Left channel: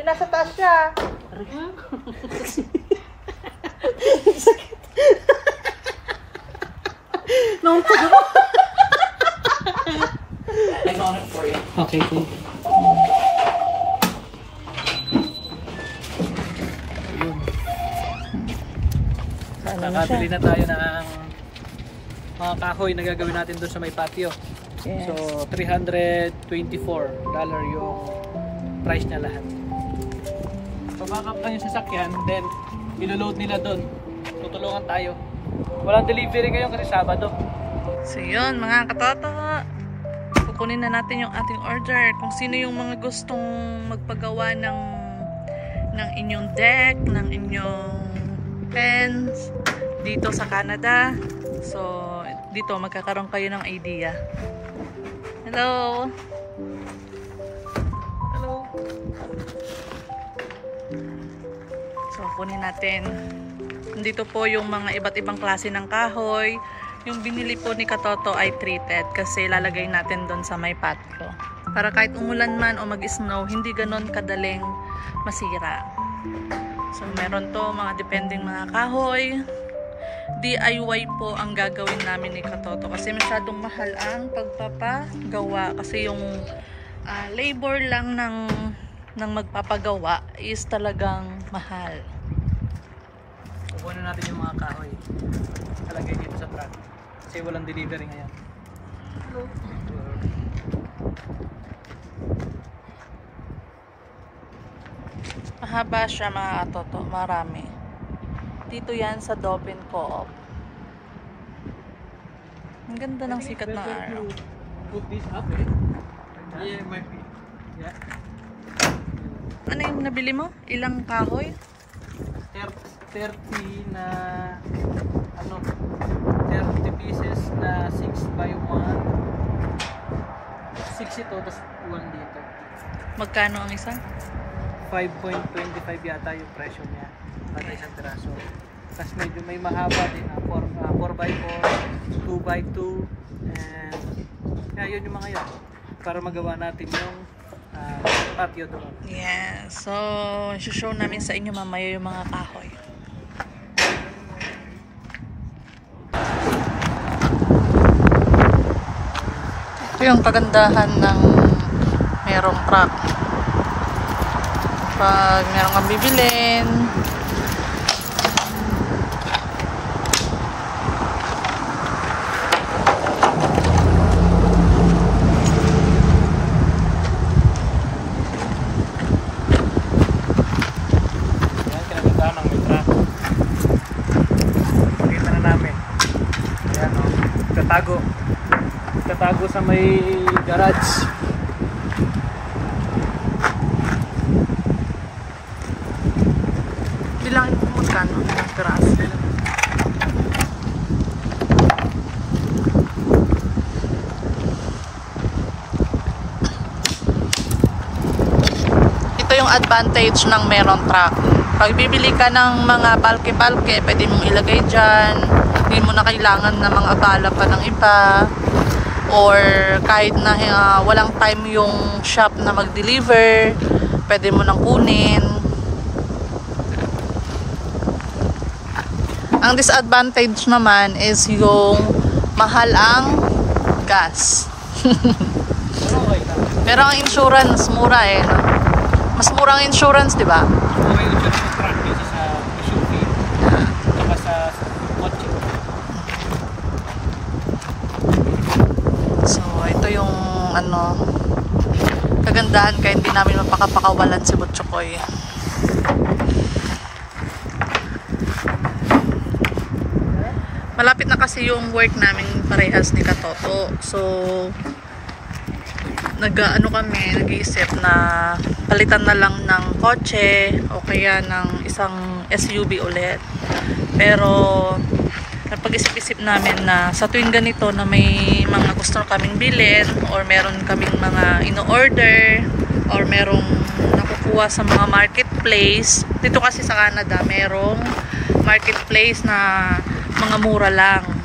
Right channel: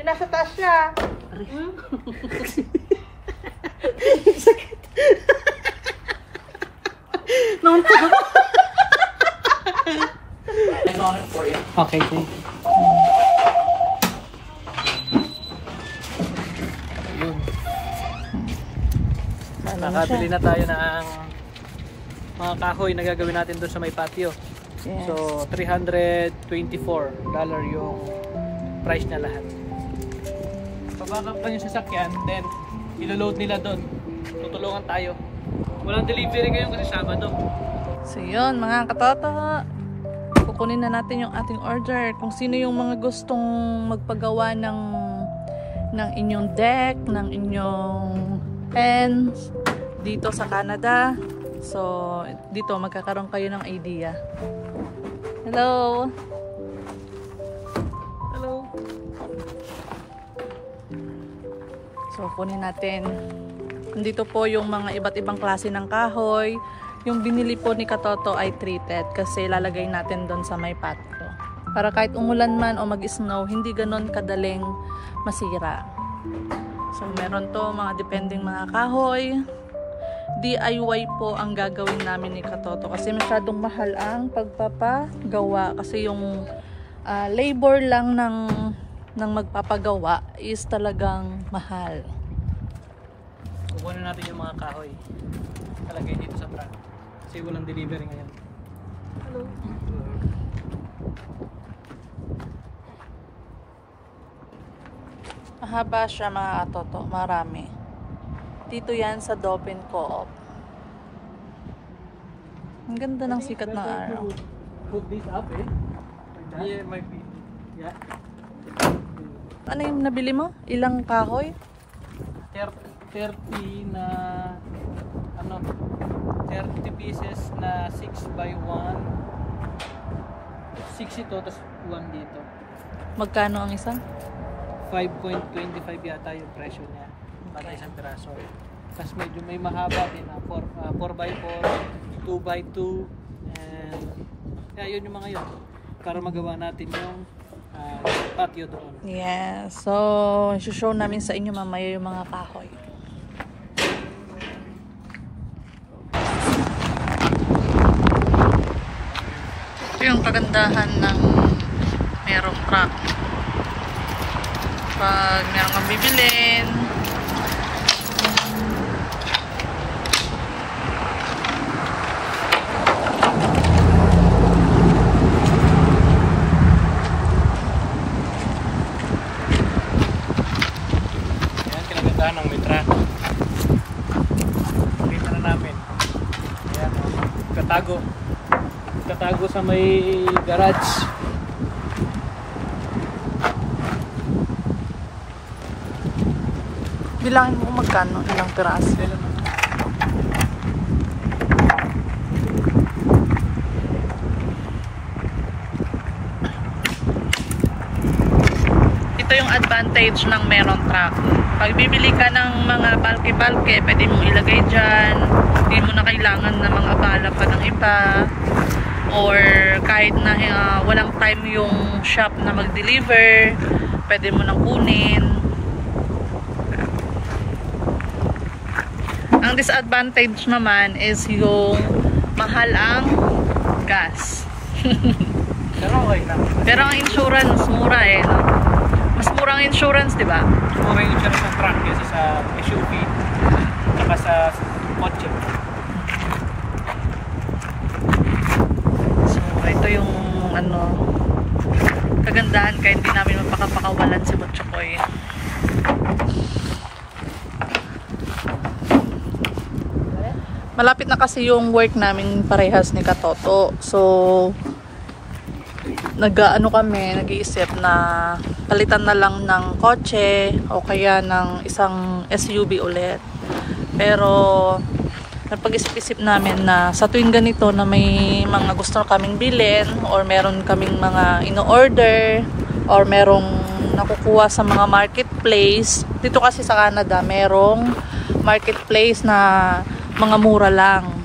Nasa taas siya. I got it for you. Okay, thank you. Ayun. Nakabili na tayo ng mga kahoy na gagawin natin doon sa may patio. Yes. So, $324 yung price niya lahat. Pabackup lang yung sasakyan, then ilo-load nila doon. Tutulungan tayo. Walang delivery ngayon kasi Sabado. So yun mga katoto, kukunin na natin yung ating order. Kung sino yung mga gustong magpagawa ng inyong deck, ng inyong pens dito sa Canada. So dito magkakaroon kayo ng idea. Hello! Hello! So kunin natin. Nandito po yung mga iba't ibang klase ng kahoy. Yung binili po ni Katoto ay treated kasi lalagay natin doon sa may patio. Para kahit umulan man o mag-snow, hindi ganon kadaling masira. So meron to mga depending mga kahoy. DIY po ang gagawin namin ni Katoto kasi masyadong mahal ang pagpapagawa. Kasi yung labor lang ng magpapagawa is talagang mahal. Kukunin natin yung mga kahoy. Talagay dito sa truck. Kasi walang delivery ngayon. Hello. Mahaba siya mga katoto. Marami. Dito yan sa Dauphin Co-op. Ang ganda ng sikat ng araw. Put this up eh. Yeah, might be. Yeah. Ano yung nabili mo? Ilang kahoy? 30 na ano 30 pieces na 6 by 1 6 ito tapos 1 dito. Magkano ang isa? 5.25 yata yung presyo niya bata isang piraso. Tapos medyo may mahaba din 4 by 4 2 by 2 and yun yung mga yun para magawa natin yung patio doon. Yeah, so show namin sa inyo mamaya yung mga kahoy. Ito yung kagandahan ng merong truck. Pag meron kang bibilin, ng may truck. Kita na namin. Ayan o. Tatago sa may garage. bilangin mo kung magkano ilang piraso. Ito yung advantage ng meron truck. Pag bibili ka ng mga palke-palke, pwede mong ilagay dyan. Hindi mo na kailangan na mga abala pa ng iba. Or kahit na walang time yung shop na mag-deliver, pwede mo nang kunin. Ang disadvantage naman is yung mahal ang gas. Pero ang insurance, mura eh. No? Mas mura ang insurance, di ba? Mura yung insurance ng truck kaysa sa SUV. Saka sa kotse. So, ito yung ano, kagandahan kaya hindi namin mapakapakawalan si Butchokoy. Malapit na kasi yung work namin parehas ni Katoto. So, nag-iisip na palitan na lang ng kotse o kaya ng isang SUV ulit. Pero napag-isip-isip namin na sa tuwing ganito na may mga gusto kaming bilhin or meron kaming mga ino-order or merong nakukuha sa mga marketplace. Dito kasi sa Canada merong marketplace na mga mura lang.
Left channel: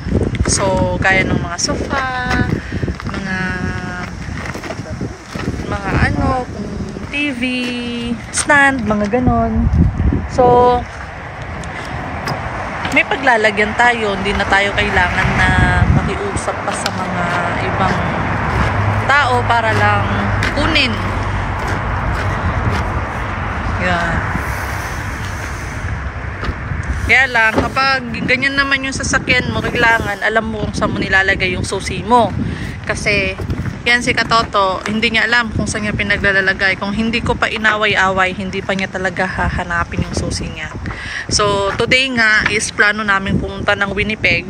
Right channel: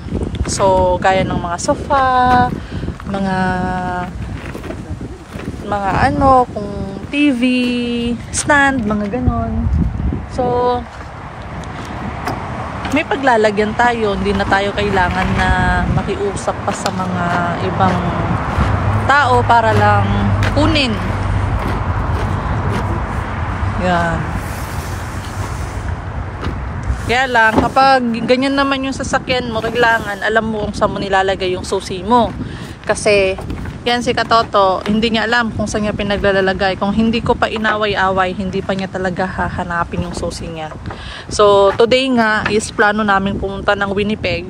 So, gaya ng mga sofa, mga ano, kung TV stand, mga ganon. So, may paglalagyan tayo. Hindi na tayo kailangan na makiusap pa sa mga ibang tao para lang kunin. Yan. Kaya lang, kapag ganyan naman yung sasakyan mo, kailangan alam mo kung saan mo nilalagay yung susi mo. Kasi, yan si Katoto, hindi niya alam kung saan niya pinaglalagay. Kung hindi ko pa inaway-away, hindi pa niya talaga hahanapin yung susi niya. So, today nga is plano namin pumunta ng Winnipeg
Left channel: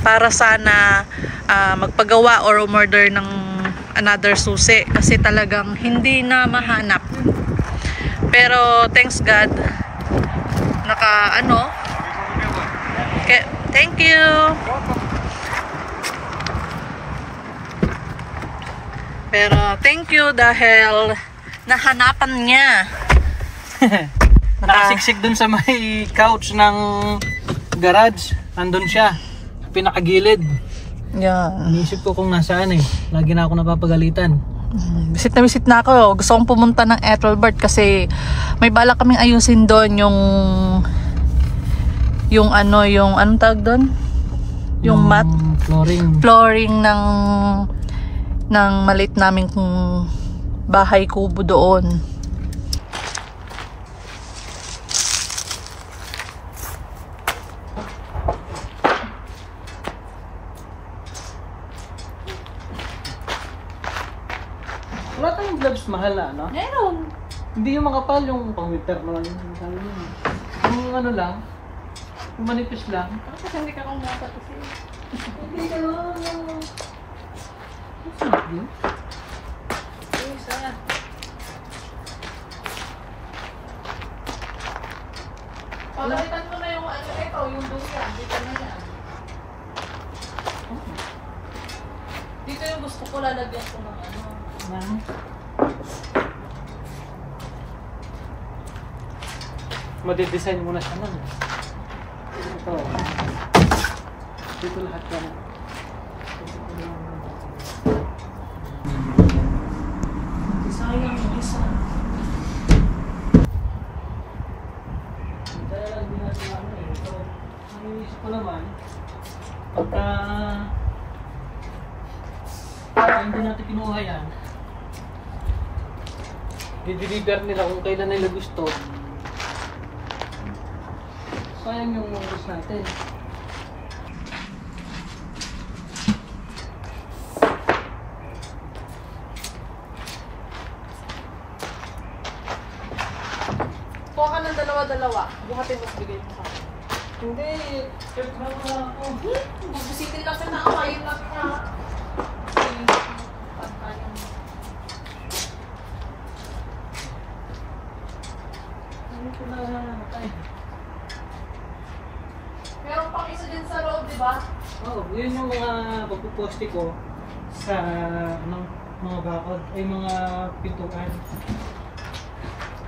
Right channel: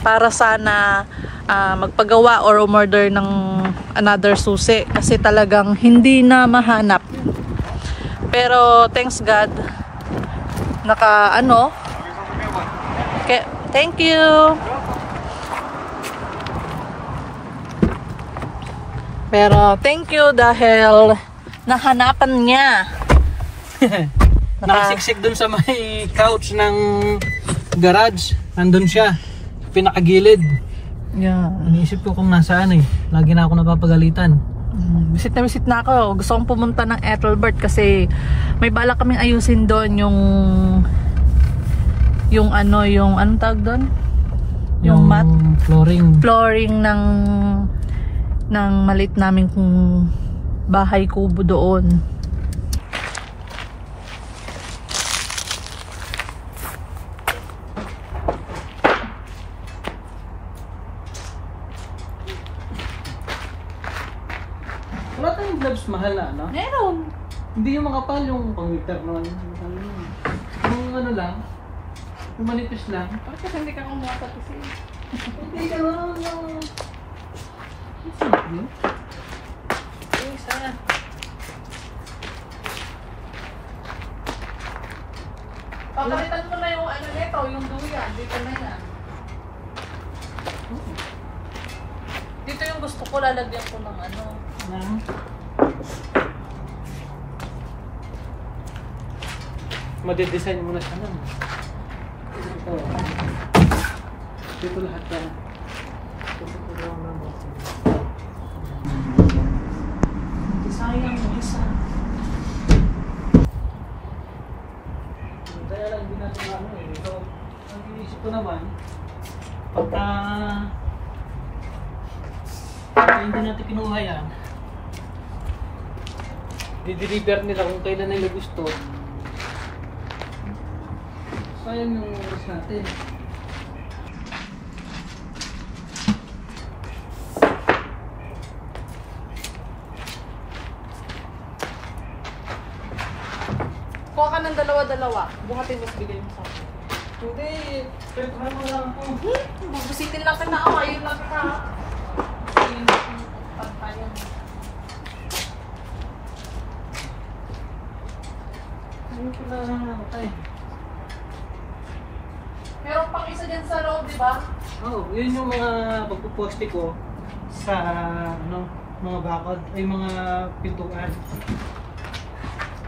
para sana magpagawa or umorder ng another susi. Kasi talagang hindi na mahanap. Pero, thanks God, okay, thank you. Pero thank you dahil nahanapan niya. Nakasiksik dun sa may couch ng garage. Nandun siya, pinakagilid. Yeah. Iniisip ko kung nasaan eh. Lagi na ako napapagalitan. Visit na ako. Gusto kong pumunta ng Ethelbert kasi may balak kaming ayusin doon yung anong tawag doon? Yung mat flooring ng maliit naming bahay kubo doon. Wala tayong gloves mahal na, ano? Meron. Hindi yung makapal, yung pang-winter na yung ano lang, yung manipis lang. Bakit kasi hindi ka kumuha pati siya? Hindi ka lang. What's up, yun? Isa. Pagkalitan mo na yung ano nito, yung duyan. Dito na yan. Dito yung gusto ko, lalagyan ko ng ano. Madidesign mo na siya nun. Ito. Dito lahat yan. Sayang mo isa. Kaya lang din natin ano eh. So, ang iisip ko naman, pagka hindi natin kinuha yan, di-deliver nila kung kailan nila gusto. Sayang yung oras natin. Kuha ka ng dalawa-dalawa. Buhatin mo, bigay mo sa akin. Hindi, pero mo lang ako. Mabusitin lang ka na ako. Ayun lang ka. Ayun lang pantayan. Ayun ko lang ako tayo. Meron pang isa dyan sa loob, di ba? Oo, yun yung mga pagpuposte ko sa ano, mga bakod, ay mga pintuan.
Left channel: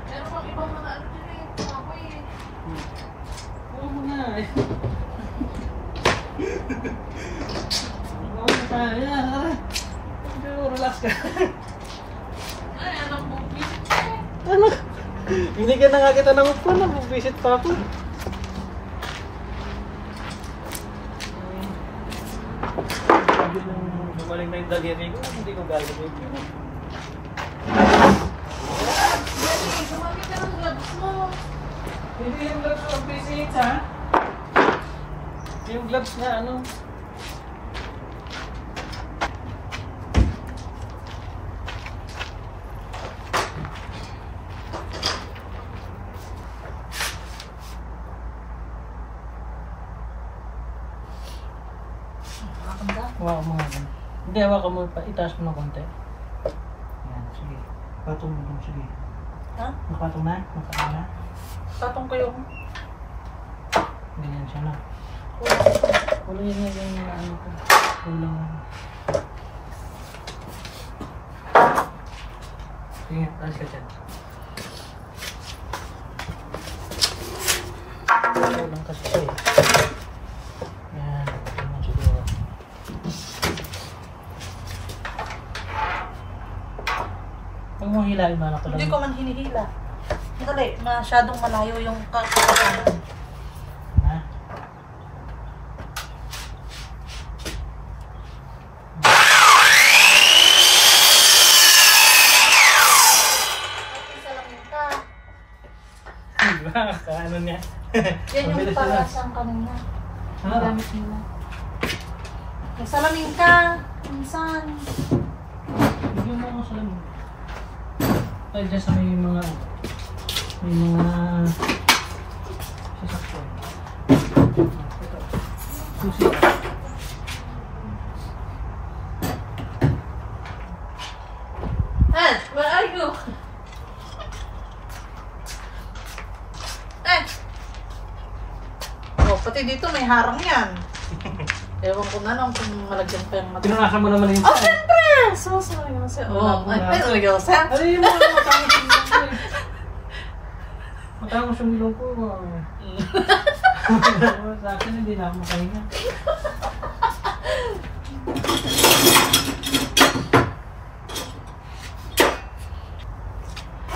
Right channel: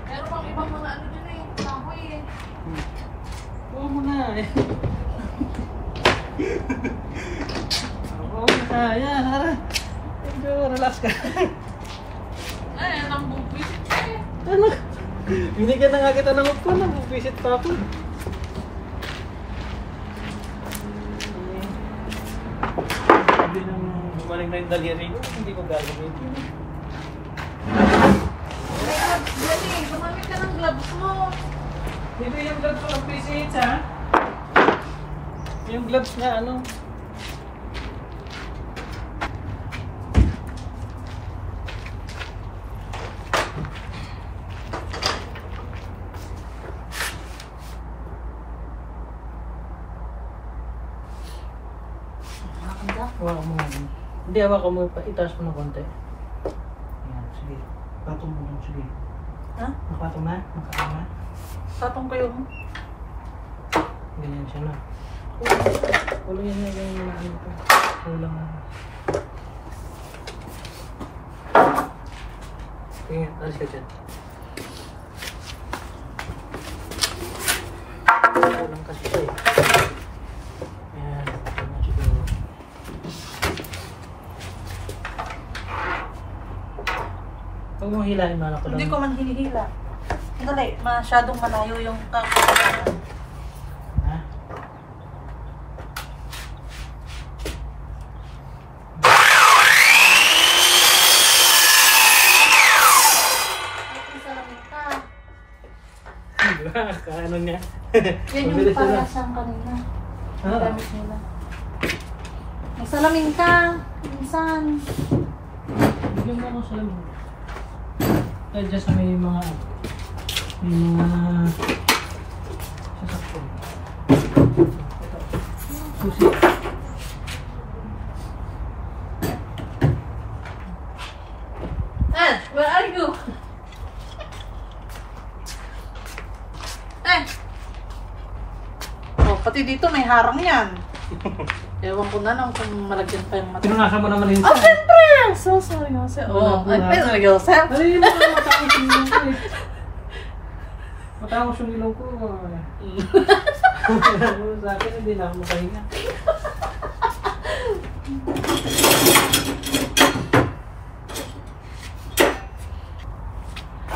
Meron pang ibang mga ano din eh. Kahoy eh. Oo mo na eh. Oo na tayo, harap. Medyo relax ka. Ay, anong bubisit pa eh. Ano? Binigyan na nga kita ng upuan, nag-visit pa ako. Sabi nang gumaling na yung daliri ko, hindi ko gagawin. Jenny, gumamit ka ng gloves mo. Dito yung gloves ko ng PCH ha? Yung gloves na ano? Hawakan mo nga. Hindi, hawakan mo. Itaas mo ng konti. Ayan, sige. Patong mo dun, sige. Ha? Nakatong na? Nakatong na? Tatong kayo. Ganyan siya na. Kulang yan nga yung ano ko. Kulang na. Sige, taas ka dyan. Kulang kasi siya eh. Yan, ganyan siguro. Pag mo mong hilahin na ako lang. Hindi ko man hinihila. Dali, masyadong malayo yung kapakanan. Ha? Diba? Kaano niya? Yan yung Mabilis na lang. parasang kanina. Ah. Gamit nila. May salamin ka. Minsan. Bigyan mo ako sa lamin. Dahil dyan sa may mga sasakyan. Ito. Susi. Where are you? Oh, pati dito may harang yan. Ewan ko na lang kung malagyan pa yung mata. Pinangasya mo naman yung Oh, siyempre! So seryoso. Oh, ay, seryoso. Ano yun naman? Matangos yung ilong ko eh. Matangos yung ilong ko. Sa akin hindi na ako makahinga.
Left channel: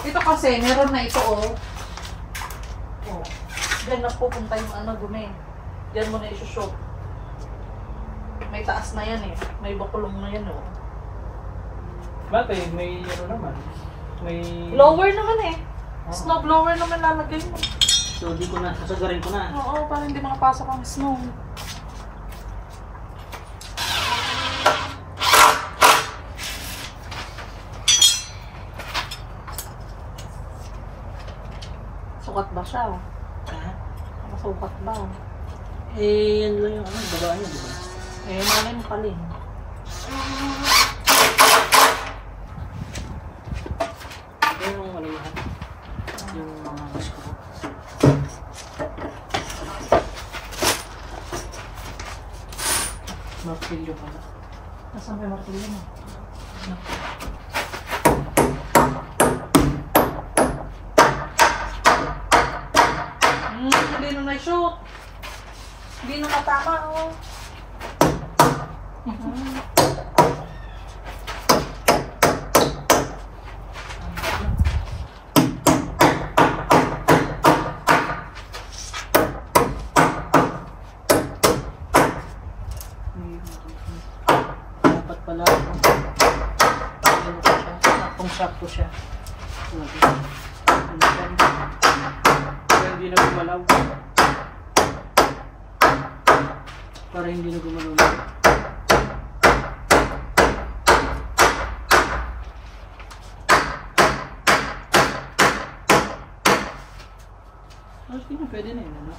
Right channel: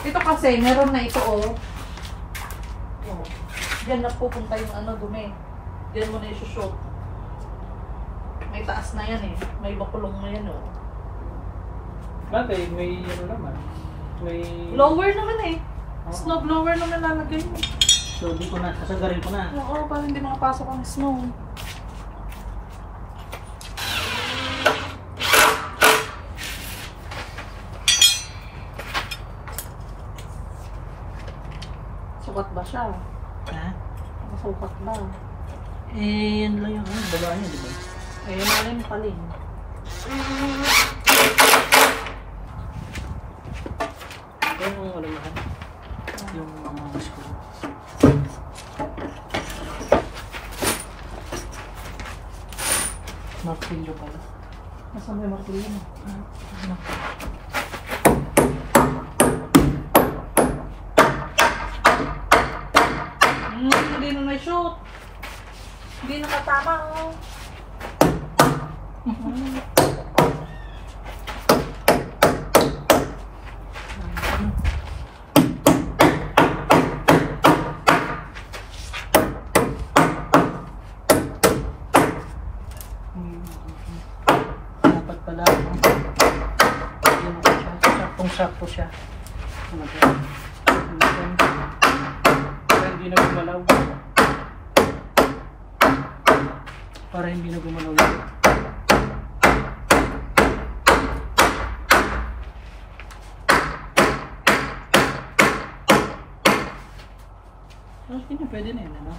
Ito kasi, meron na ito oh. Oh. Diyan na pupunta yung ano, dumi. Diyan mo na isushoot. May taas na yan eh. May bakulong na yan oh. Bakit? May ano naman? May... Blower naman eh. Oo. Snow blower naman lalagay mo. So, di ko na, sasagarin ko na. Oo, para hindi makapasok ang snow. Sukat ba siya? Ha? Nakasukat ba? Eh, yan lang yung babaan niya, di ba? Eh, malay mo pala eh. Yung ano mahal? Yung mga screw. Martilyo pala. Nasaan may martilyo mo? Hindi na na-shoot. Hindi na katama oh. Dapat pala. Saktong-sakto siya. Para hindi na gumalaw. Para hindi na gumalaw. Hindi na pwede na yun, ano?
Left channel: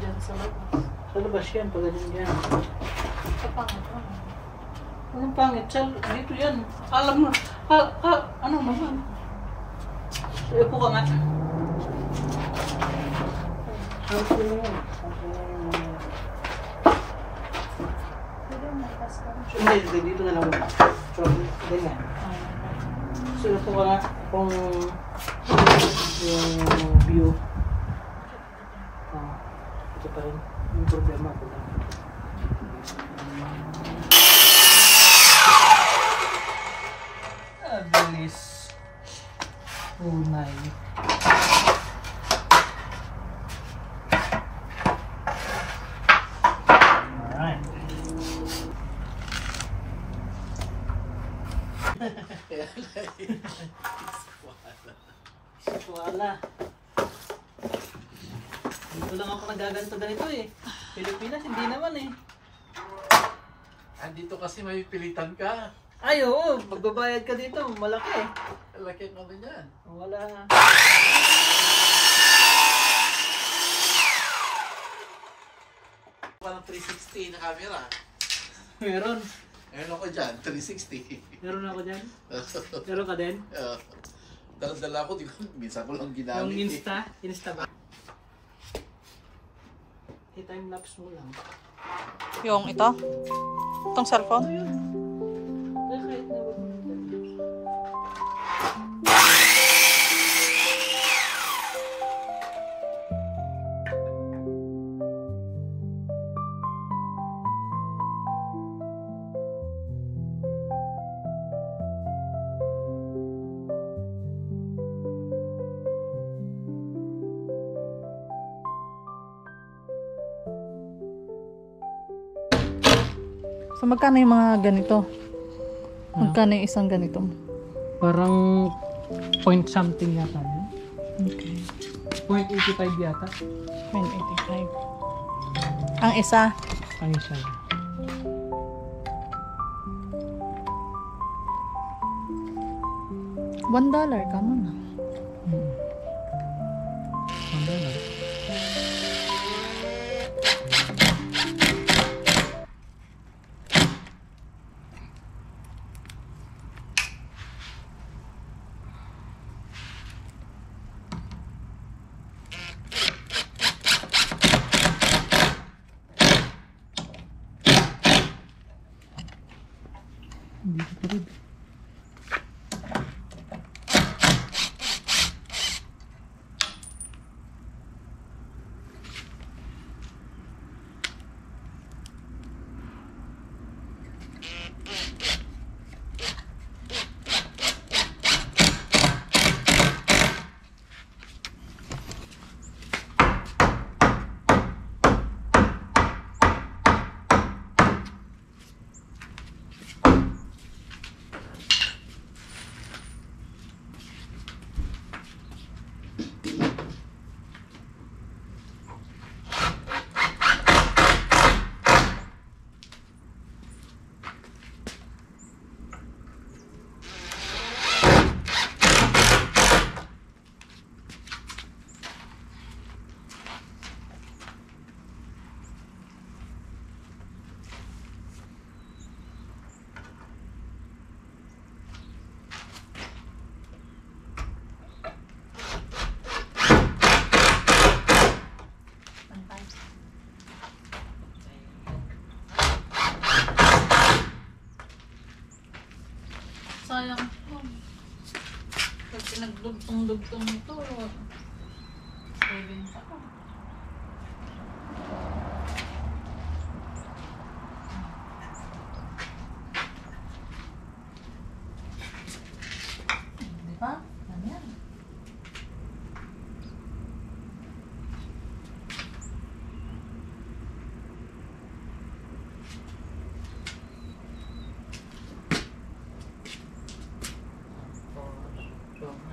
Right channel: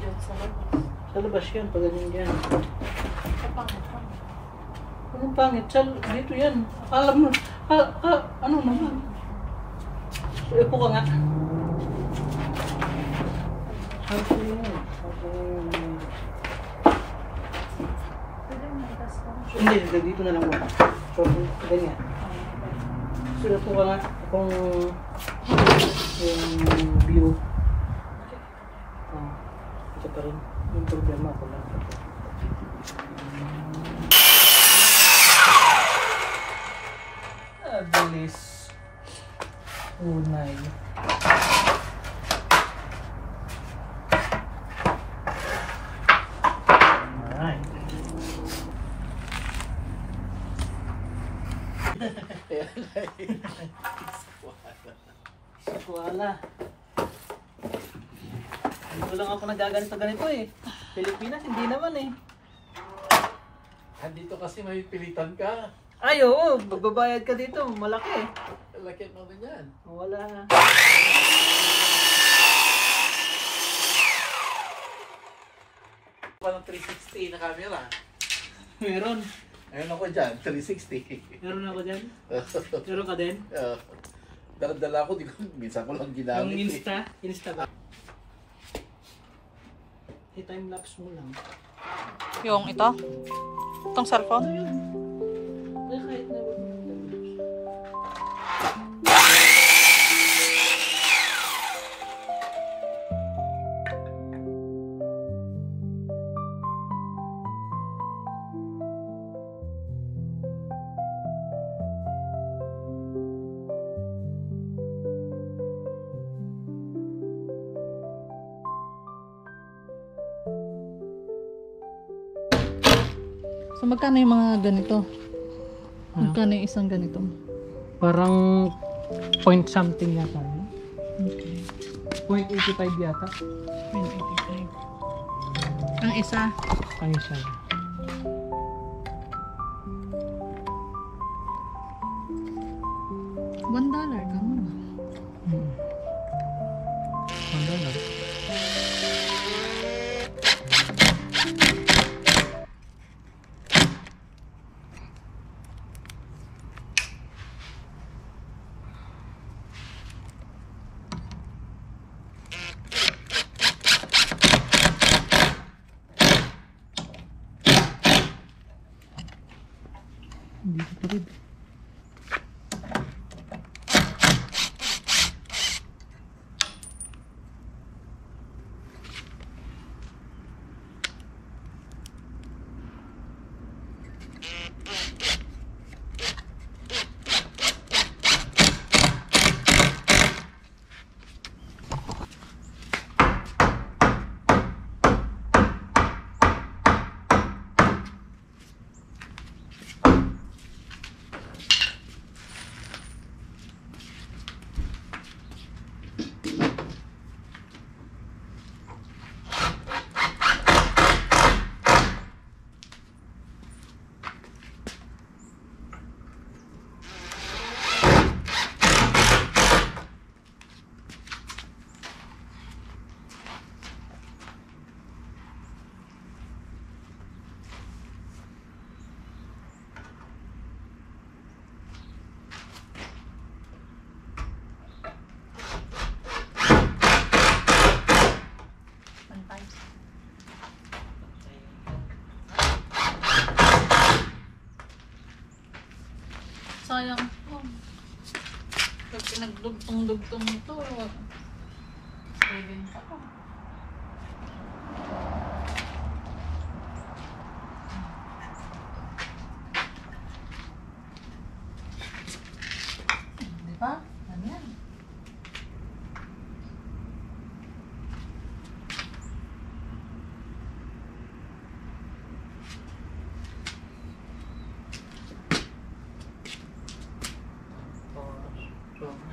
Diyan sa labas. Sa labas yan, pag ganyan dyan. Kapangit lang. Anong pangit? Dito yan. Alam mo, ano naman? Upo ka nga. Harap ko lang yan. Pwede mo maitas ka. Hindi, dito na lang mo. So, ganyan. Sila po ka nga kung yung view. Ito pa rin. Yung problema ko lang. Bilis. Unay. Alright. Wala. Dito lang ako nagaganto-ganito eh. Pilipinas, hindi naman eh. Andito kasi may pilitan ka. Ay, oo. Magbabayad ka dito. Malaki. Laki naman yan. Wala. Parang 360 na camera. Meron. Ayun ako dyan, 360. Meron ako dyan. Meron ka din? Dala-dala ko, minsan ko lang ginamit. Yung Insta? Insta ba? I-timelapse mo lang. Yung ito? Itong cellphone? Kahit na wag mo So magkano yung mga ganito? Magkano yung isang ganito? Parang point something yata. Okay. 0.85 yata. 185. Ang isa? Ang isa. $1 ka muna. $1. Dito pa rin. Sayang po. Pag pinagdugtong-dugtong ito, saving pa. Di ba? Ano yan?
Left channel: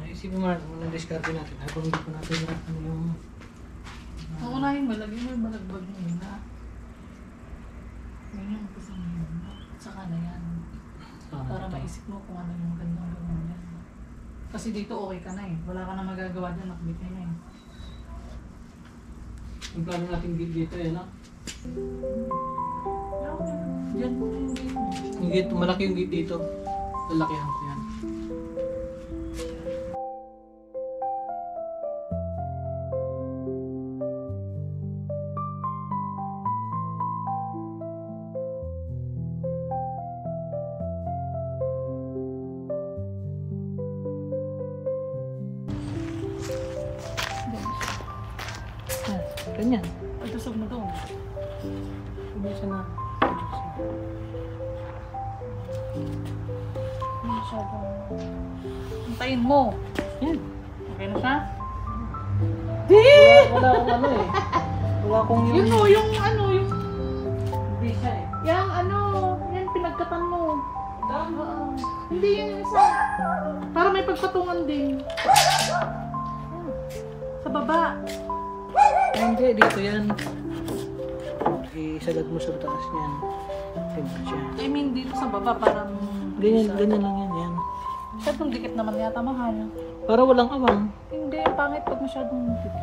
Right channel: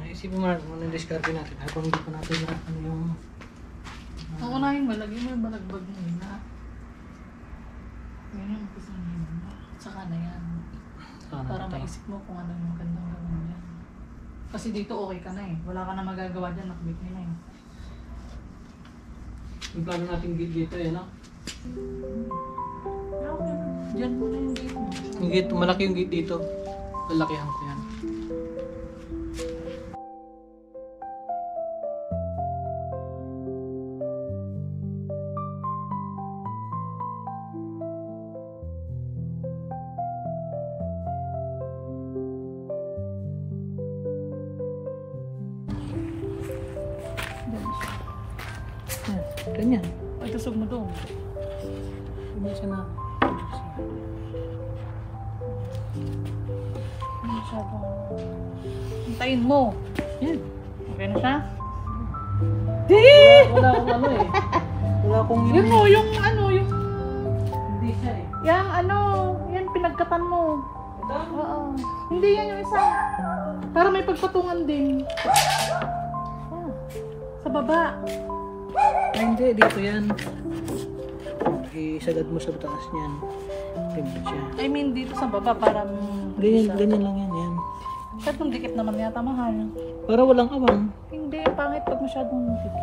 Isipin mo na discarte natin habang hindi pa natin na ano yung Unahin mo, lagyan mo yung balagbag mo na. Yun yung gusto mo muna. Saka na yan. Para maisip mo kung ano yung magandang gawin yan. Kasi dito okay ka na eh. Wala ka na magagawa dyan, nakabit na eh. yung plano natin dito eh, no? Diyan po na yung gate mo. Yung gate, malaki yung gate dito. Lalakihan ko yan. Ganyan. Ay, tusog mo doon. Hindi siya na. Hindi masyadong... Hintayin mo. Yan. Okay na siya? Wala akong ano eh. Wala akong Yun o, yung ano, yung... Hindi siya eh. Yang ano, yan pinagkatan mo. Ito? Oo. Hindi yan yung isa. Para may pagpatungan din. Oh, sa baba. Ay, hindi. Dito yan. Isagad mo sa taas niyan. Tingnan siya. I mean, dito sa baba, parang... Ganyan, ganyan lang yan. Yan. Masyadong dikit naman yata, mahal. Para walang awang. Hindi, pangit pag masyadong dikit.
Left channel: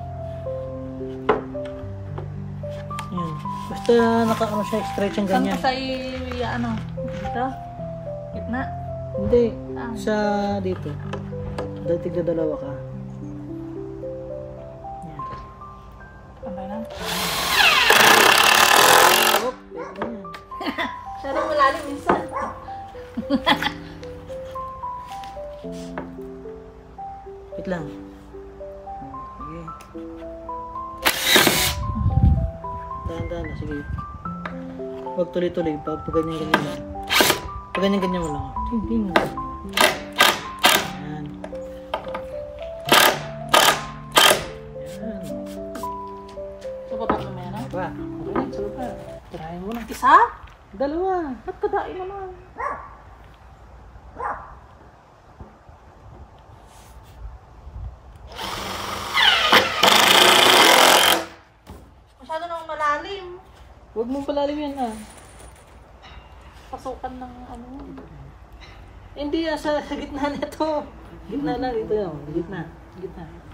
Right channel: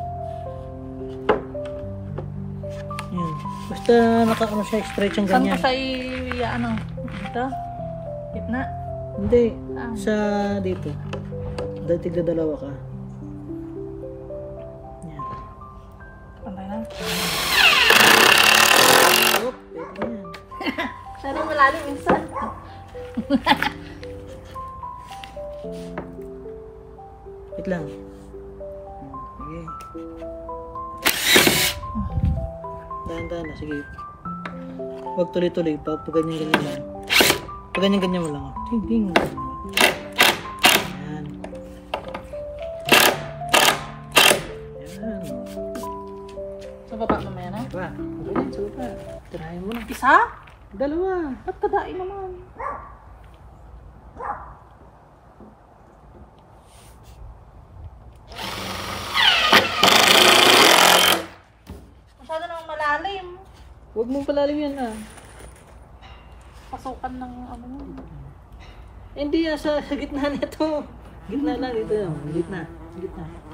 Yan. Basta naka-ano siya, stretch ang Saan ganyan. ko siya ano? Dito? Gitna? Hindi. Ah. Sa dito. Tigda dalawa ka. Yan. Pantay na? Oop, ito yan. Siya rin malalim minsan. Wait lang. Sige. Dahan-dahan na, sige. Huwag tuloy-tuloy. Pag ganyan-ganyan lang. Pag ganyan-ganyan mo lang. Ting-ting. Yan. Yan. Sa baba mamaya na? Ba? Ganyan, sa baba. Tirahin mo na. Isa? Dalawa. Ba't kadain naman? Masyado nang malalim. Huwag mong palalim yan ah. Pasukan ng ano. Hindi sa gitna nito. Gitna lang dito yun. Gitna.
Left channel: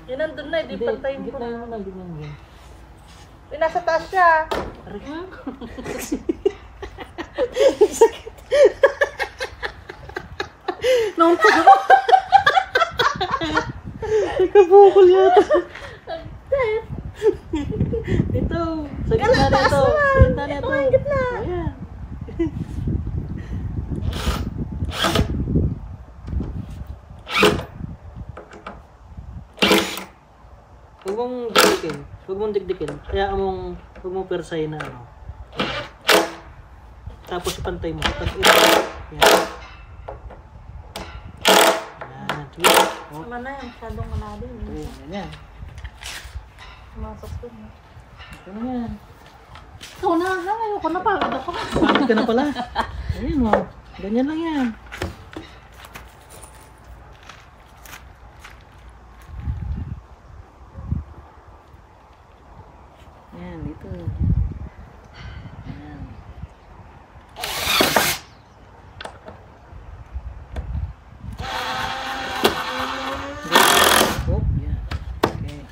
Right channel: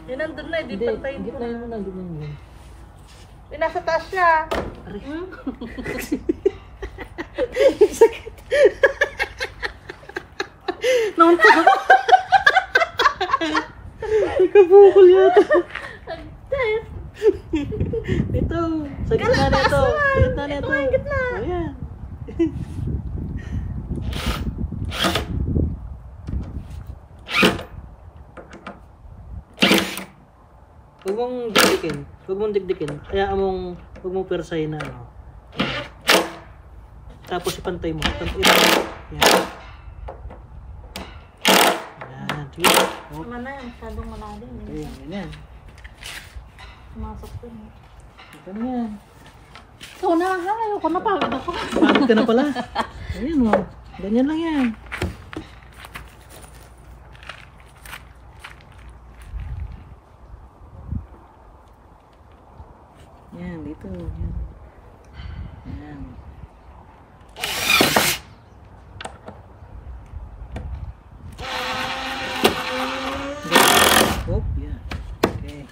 Yun nandun na, di pantayin ko Gitna na. mo lang, gitna mo lang. Nasa taas siya. Naunta ka ba? Nagkabukol yata. Ito. Sa gitna nito. Sa gitna nito. Ito ang gitna. Ayan. Huwag mong dikdikin. Huwag mong dikdikin. Kaya huwag mong persahin na ano. Tapos ipantay mo. Yan. Yan. Sige. Oh. Tama na yan, masyadong malalim. Ito yan. Sumasok ko niya. Ito na yan. Ikaw na, ayoko na, pagod ako. Pagod ka na pala. Ayan mo. Ganyan lang yan. Yan, dito. Yan. Hop, yan. Okay.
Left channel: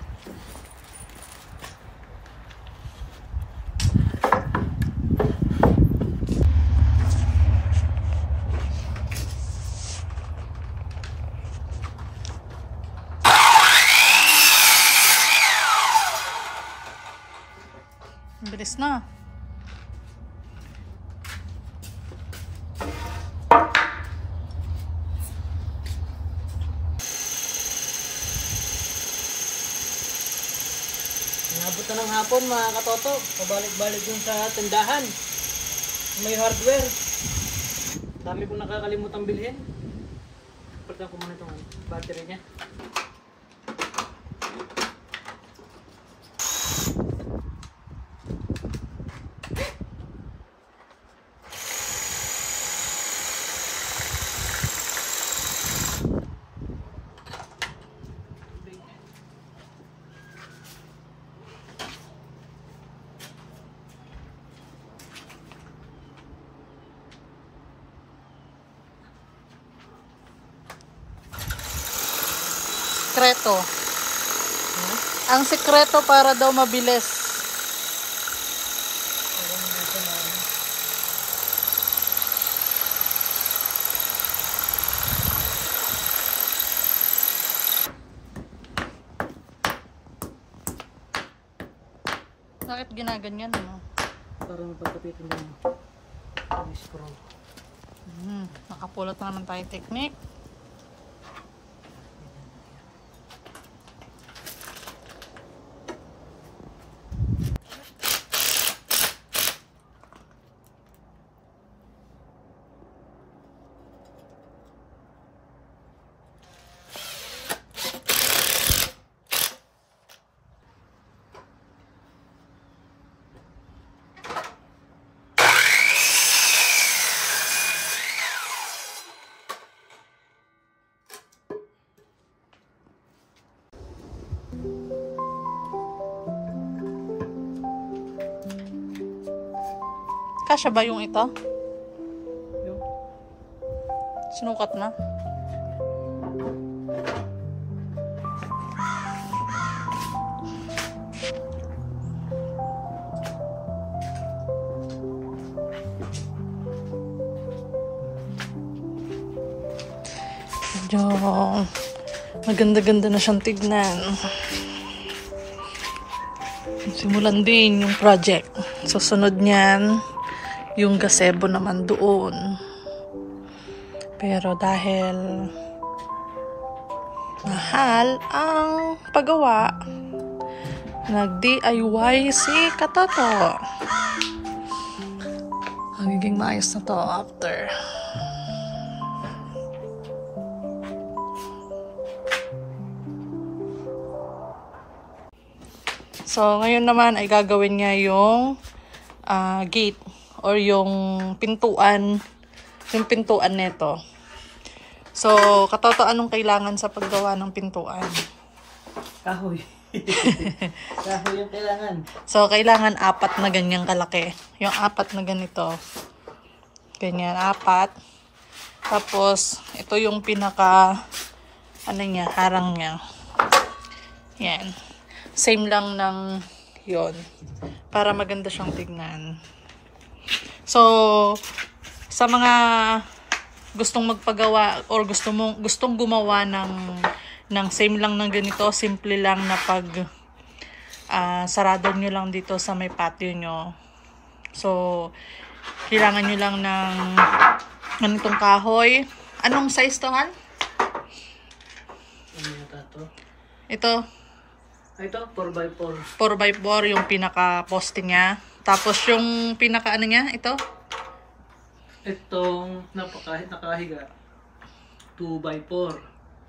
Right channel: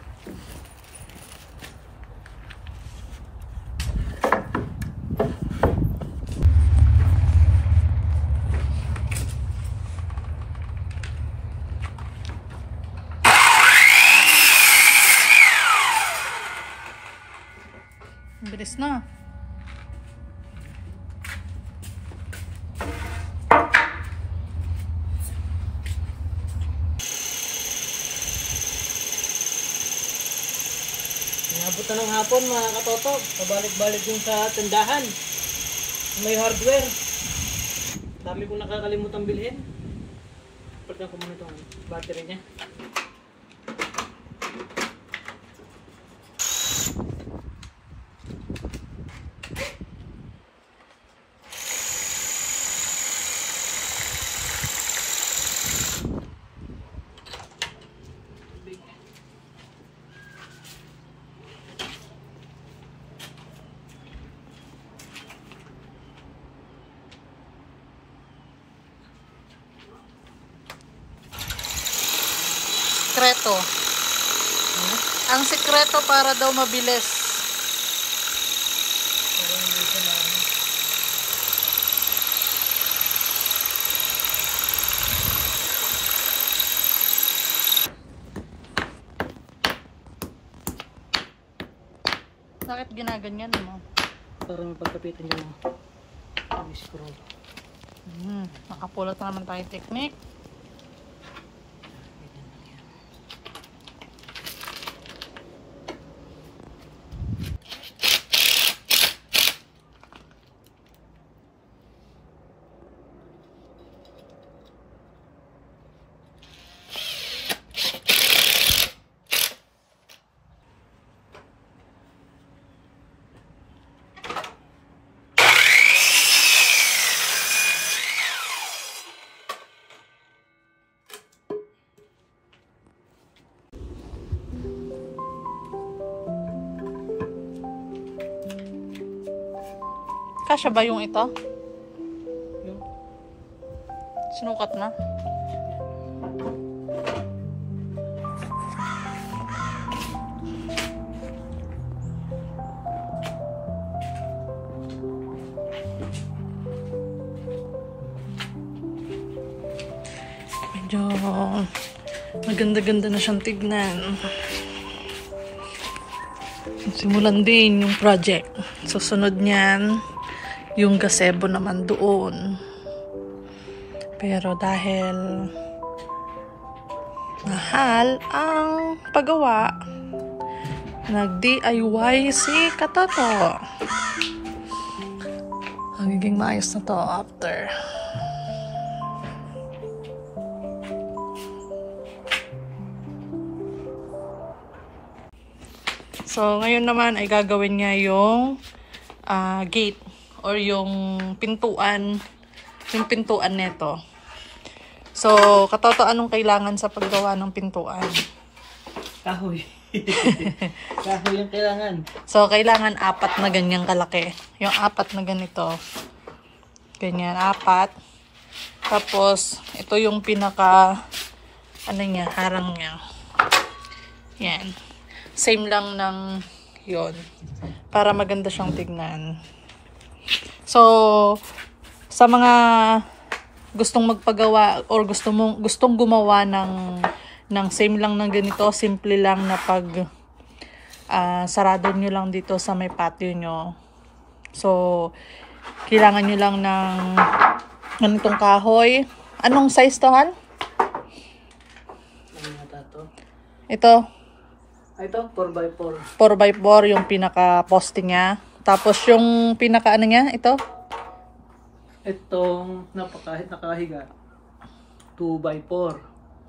Bilis na. Inabot na ng hapon mga katoto. Pabalik-balik yung sa tindahan. May hardware. Dami kong nakakalimutan bilhin. Pagka ko muna itong battery niya. Sikreto. Ang sikreto para daw mabilis. Bakit ginaganyan mo? Para mapagkapitan yung screw. Nakapulot na naman tayo technique. Kasya ba yung ito? Yung Sinukat na? Medyo maganda-ganda na siyang tignan. Simulan din yung project. Susunod niyan, yung gazebo naman doon. Pero dahil mahal ang paggawa, nag-DIY si Katoto. Magiging maayos na to after. So, ngayon naman ay gagawin niya yung gate. or yung pintuan nito. So, Katoto, anong kailangan sa paggawa ng pintuan? Kahoy. Kahoy yung kailangan. So, kailangan 4 na ganyang kalaki. Yung 4 na ganito. Ganyan, 4. Tapos, ito yung pinaka, harang niya. Yan. Same lang ng yon para maganda siyang tignan. So, sa mga gustong magpagawa or gustong gumawa ng same lang ng ganito, simple lang na pag sarado nyo lang dito sa may patio nyo. So, kailangan nyo lang ng ganitong kahoy. Anong size to, Han? Ano yata to? Ito. Ito, 4x4. 4x4 yung pinaka-poste niya. Tapos yung pinaka niya, ito. Itong nakahiga, 2x4.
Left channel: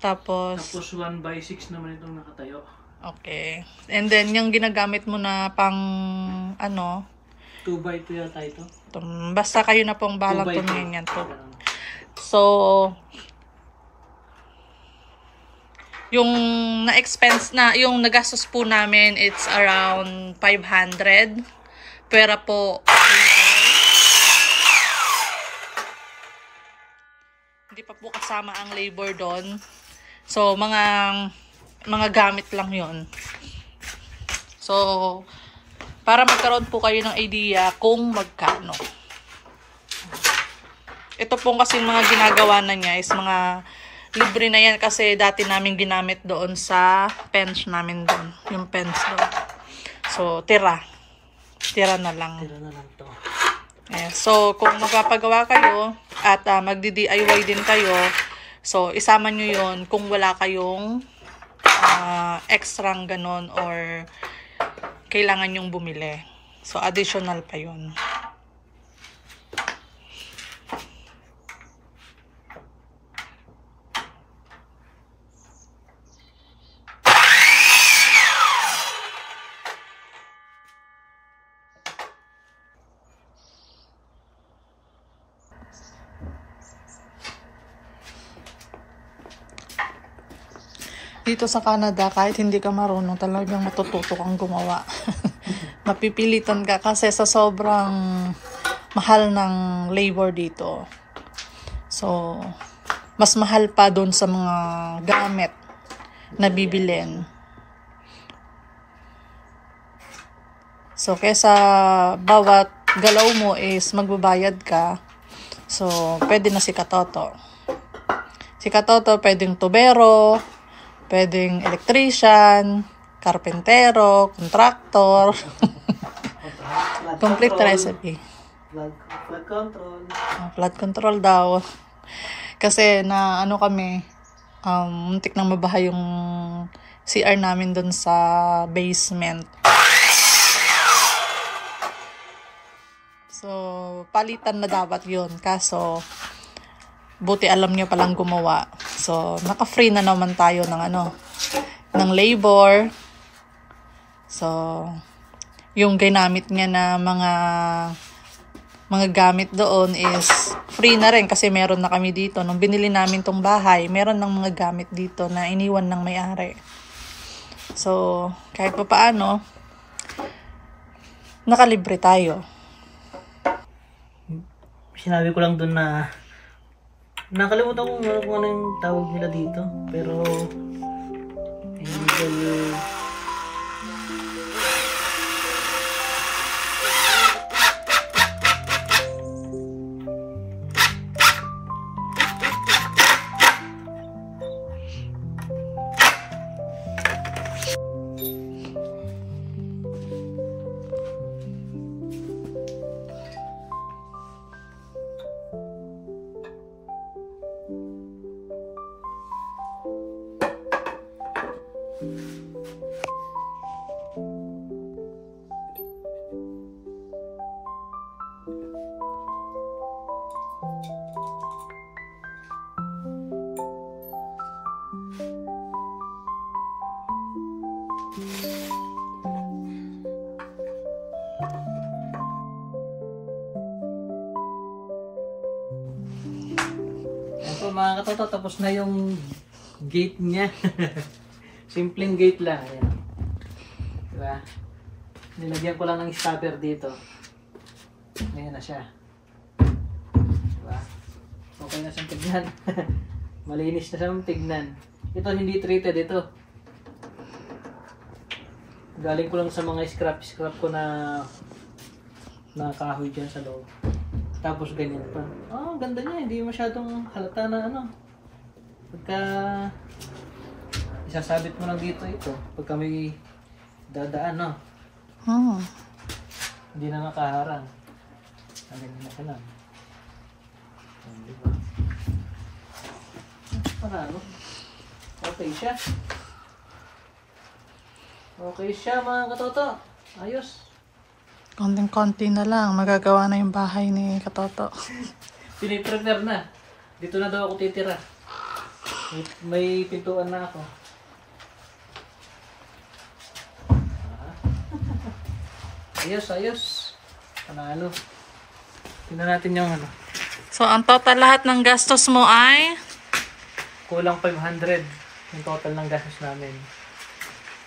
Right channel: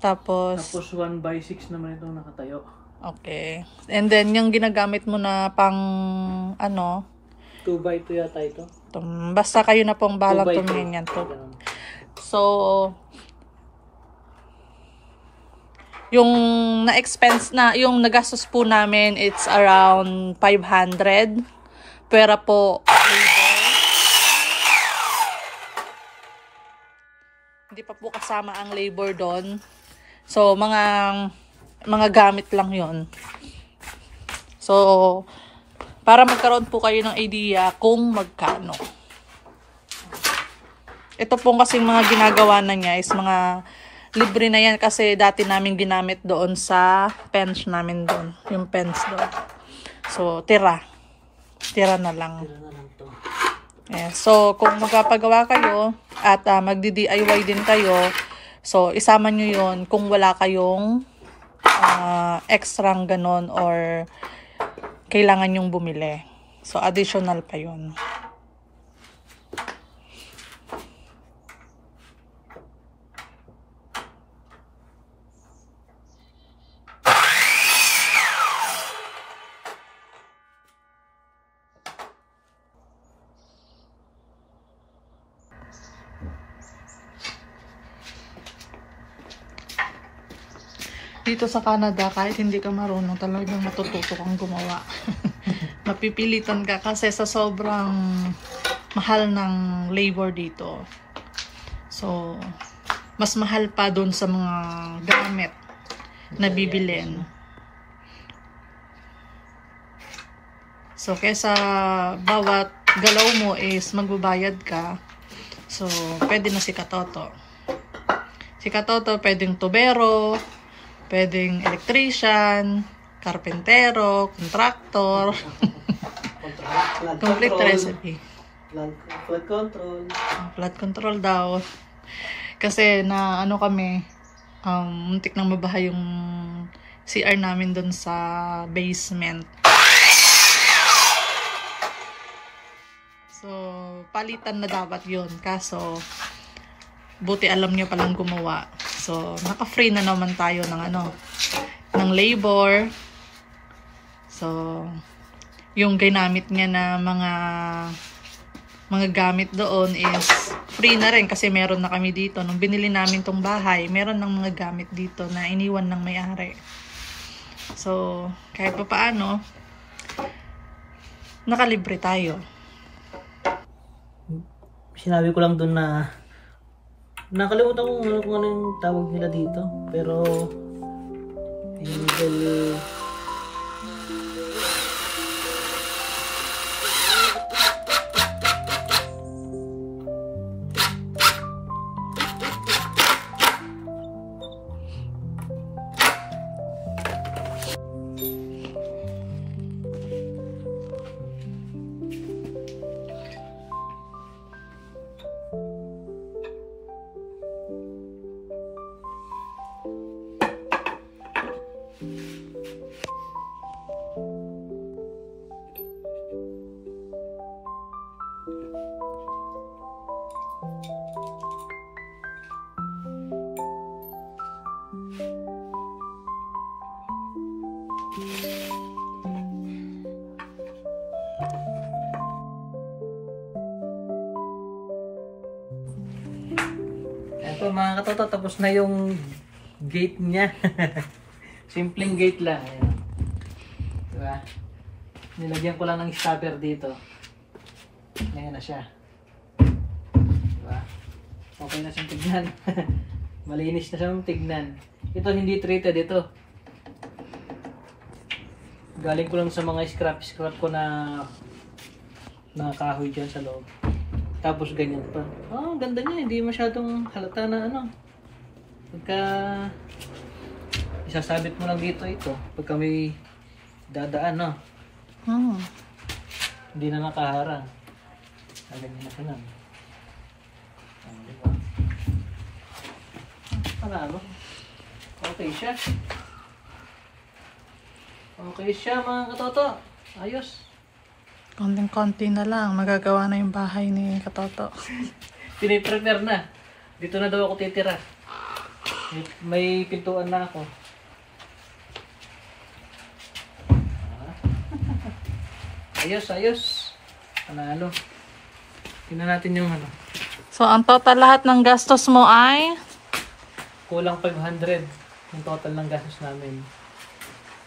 Tapos 1x6 naman itong nakatayo. okay. And then, yung ginagamit mo na pang 2x2 yata ito. Basta kayo na pong bahalang 2x2. tumingin yan to. So, yung na-expense na, yung nagastos po namin, it's around 500. Pera po, hindi pa po kasama ang labor doon. So, mga gamit lang yon. So, para magkaroon po kayo ng idea kung magkano. Ito pong kasing mga ginagawa na niya is mga libre na yan kasi dati namin ginamit doon sa pens namin doon. Yung pens doon. So, tira. Tira na lang. Tira na lang to. So, kung magpapagawa kayo at magdi-DIY din kayo, so, isama nyo yun kung wala kayong extrang ganon or kailangan nyong bumili. So, additional pa yun. Dito sa Canada, kahit hindi ka marunong, talagang matututo kang gumawa. Mapipilitan ka kasi sa sobrang mahal ng labor dito. So, mas mahal pa dun sa mga gamit na bibilin. So, kesa bawat galaw mo is magbabayad ka, so, pwede na si Katoto. Si Katoto, pwedeng tubero, pwedeng electrician, karpentero, contractor. Complete recipe. Flood control. Flood control daw. Kasi na kami, muntik nang mabaha yung CR namin dun sa basement. So, palitan na dapat yun. Kaso, buti alam niya palang gumawa. So, naka-free na naman tayo ng labor. So, yung ginamit niya na mga gamit doon is free na rin kasi meron na kami dito. Nung binili namin tong bahay, meron ng mga gamit dito na iniwan ng may-ari. So, kahit pa paano, nakalibre tayo. Sinabi ko lang doon na nakalimutan ko kung ano yung tawag nila dito. Pero angle So mga katoto, tapos na yung gate niya. Simpleng gate lang. Ayan. Diba? Nilagyan ko lang ng stopper dito. Ayan na siya. Diba? Okay na siyang tignan. Malinis na siyang tignan. Ito hindi treated ito. Galing ko lang sa mga scrap ko na kahoy dyan sa loob. Tapos ganyan pa. Oh, ganda niya. Hindi masyadong halata na ano. Pagka isasabit mo lang dito ito. Pagka may dadaan, no? Hindi na nakaharang. Ganyan na pa lang. Diba? Panalo. Okay siya. Okay siya mga katoto. Ayos. Konting-konti na lang, magagawa na yung bahay ni Katoto. Piniprepare na. Dito na daw ako titira. May pintuan na ako. Ayos, ayos. Panalo. Tingnan natin yung ano. So, ang total lahat ng gastos mo ay? Kulang 500 yung total ng gastos namin.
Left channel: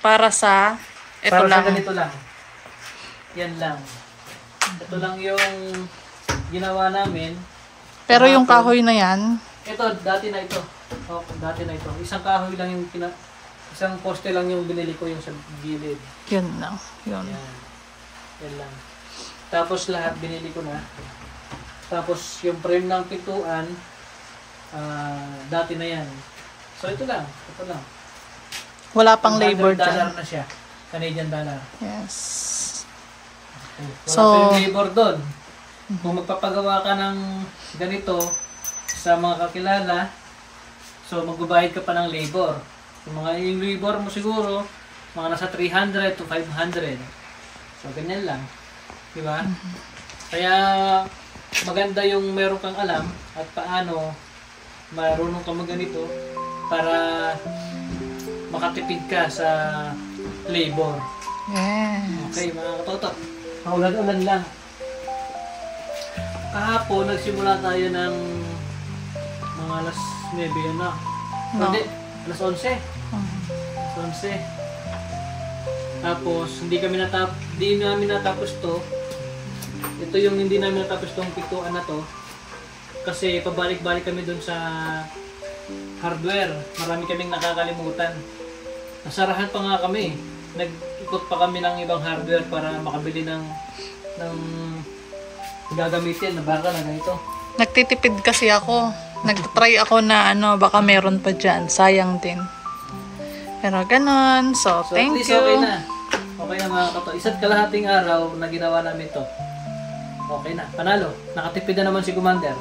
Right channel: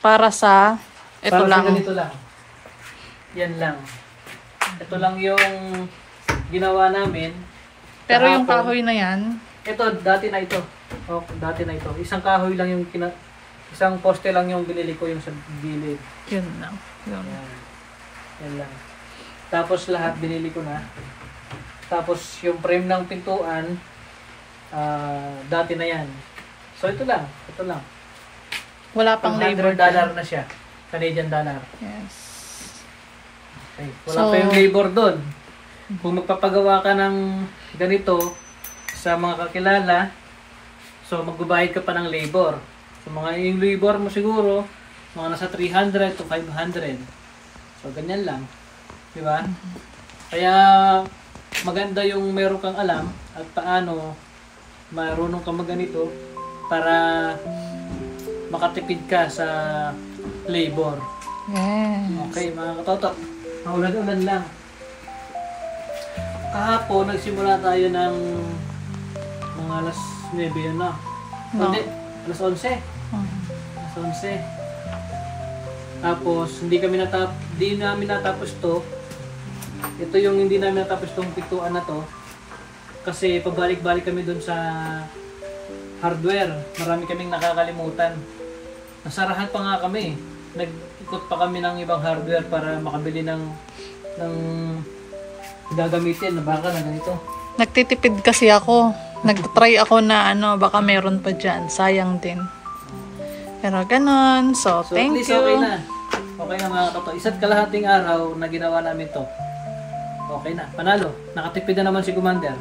Para sa, ito para lang. Para sa ganito lang. Yan lang. Ito lang yung ginawa namin. Pero yung kahoy na yan? Ito, dati na ito. Oh, dati na ito. Isang kahoy lang yung isang poste lang yung binili ko yung sa gilid. Yun lang. Yun. Yan lang. Tapos lahat binili ko na. Tapos yung frame ng pintuan, dati na yan. So ito lang. Ito lang. Wala pang labor $100 na siya. Canadian dollar. Yes. Okay. Wala pa yung labor doon. Kung magpapagawa ka ng ganito sa mga kakilala, so magbabayad ka pa ng labor. So yung labor mo siguro, mga nasa 300 to 500. So ganyan lang. Di ba? Kaya maganda yung meron kang alam at paano marunong ka magganito para makatipid ka sa labor. Yes. Okay mga katoto. Maulan-ulan lang. Kahapon, nagsimula tayo ng mga alas 9 yun na. No. Hindi, alas 11. Alas 11. Tapos, hindi namin natapos to. Ito yung hindi namin natapos tong pintuan na to. Kasi pabalik-balik kami dun sa hardware. Marami kaming nakakalimutan. Nasarahan pa nga kami. Nag-ikot pa kami ng ibang hardware para makabili ng gagamitin na baka na ganito. Nagtitipid kasi ako. Nag-try ako na baka meron pa dyan. Sayang din. Pero ganun. So thank at least you. Okay na. Okay na mga katoto. Isa't kalahating araw na ginawa namin to. Okay na. Panalo. Nakatipid na naman si Commander.